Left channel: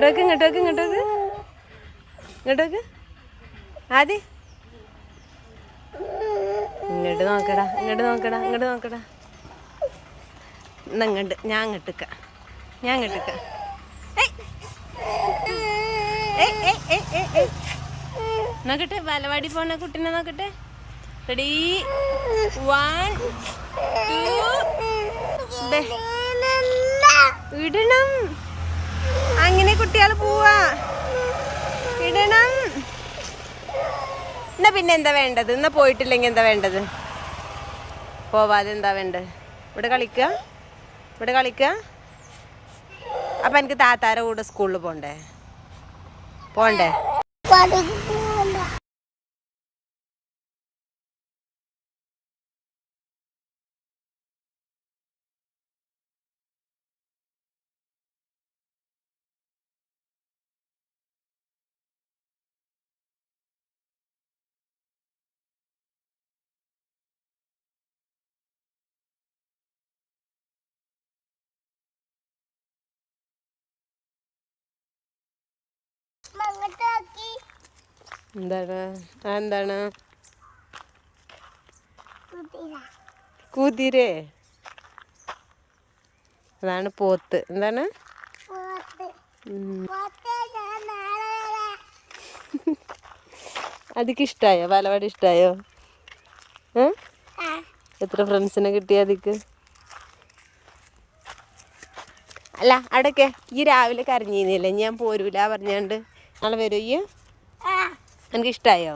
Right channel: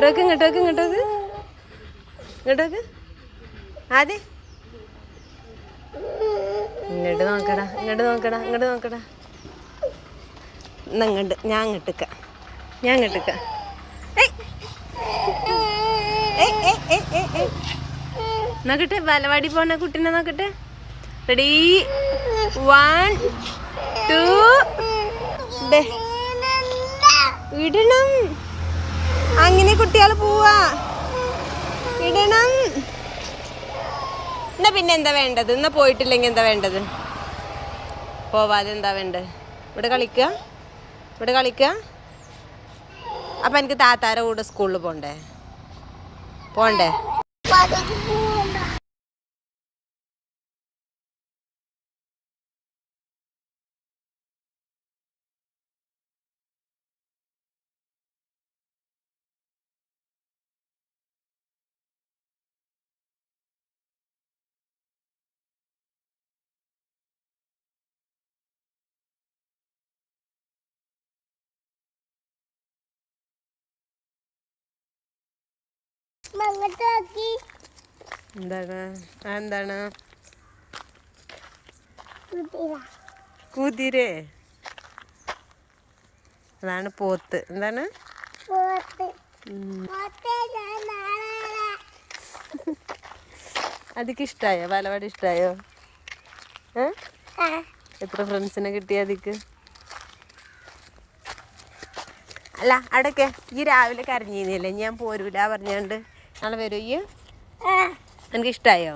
ഇങ്ങോട്ടേക്ക് ഇങ്ങോട്ടേക്ക് ഇങ്ങോട്ടേക്ക് ഇങ്ങോട്ടേക്ക് ആദ്യ ഇങ്ങോട്ട് നോക്കടാ ഇങ്ങോട്ട് നോക്കടാ ഇങ്ങോട്ട് നോക്കടാ. ഇങ്ങോട്ട് ഞാൻ ഇങ്ങോട്ടേക്ക ഞാൻ ഇങ്ങോട്ടേക്ക. നോക്കട്ടെ ബാലവാടി പോണ കുട്ടീനെ നോക്കട്ടെ. റെഡി 1 2 ഇടണം. അങ്ങനെ കുട്ടികൾ പോവാ ഇടണം. എന്നാ പിന്നെ എന്താ വേണ്ടത്? എന്നാ പോയിട്ടില്ലെങ്കിൽ എന്താ വേണ്ടത്? പോവാതെ എന്താ വേണ്ടത്? ഇവിടെ കളിക്കുക ഇവിടെ കളിക്കുക. അപ്പം എനിക്ക് താത്താരെ കൂടെ സ്കൂളിൽ പോണ്ടേ? പോണ്ടേ? എന്താണ് എന്താണ് കുതിരേ? അതാണ് പോത്ത്. എന്താണ് അതിക്ക് ഇഷ്ടായോ? ബാലവാടി ഇഷ്ടായോ? എത്ര ഫ്രണ്ട്സിനെ കിട്ടിയ അതിക്ക്? അല്ല അവിടെയൊക്കെ ഈ രാവിലെ കരഞ്ഞില്ലേ ഞാൻ പോരൂല പറഞ്ഞാണ്ട് നാളെ വരൂ ഈ? എനിക്ക് ഇഷ്ടായോ?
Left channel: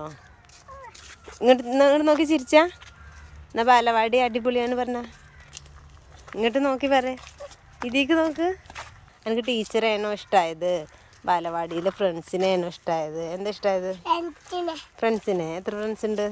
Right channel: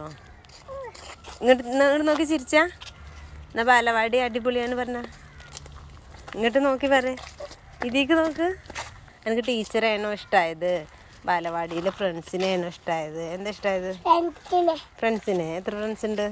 ഇങ്ങോട്ട് നോക്കി ചിരിച്ചാ എന്നാ ബാലവാടി അടിപൊളിയാണ് പറഞ്ഞ. ഇങ്ങോട്ട് നോക്കി പറ. ഇതിക്ക് നോക്ക്. എനിക്ക് ടീച്ചറേനോ ഇഷ്ടമായത് ബാലവാടിയിലെ ഫ്രണ്ട്സിനെയാണോ ഇഷ്ടമായത്? എന്താ ഇഷ്ടമായത്? ഫ്രണ്ട്സിനെ. എത്ര ഫ്രണ്ട്സ് ഉണ്ട്?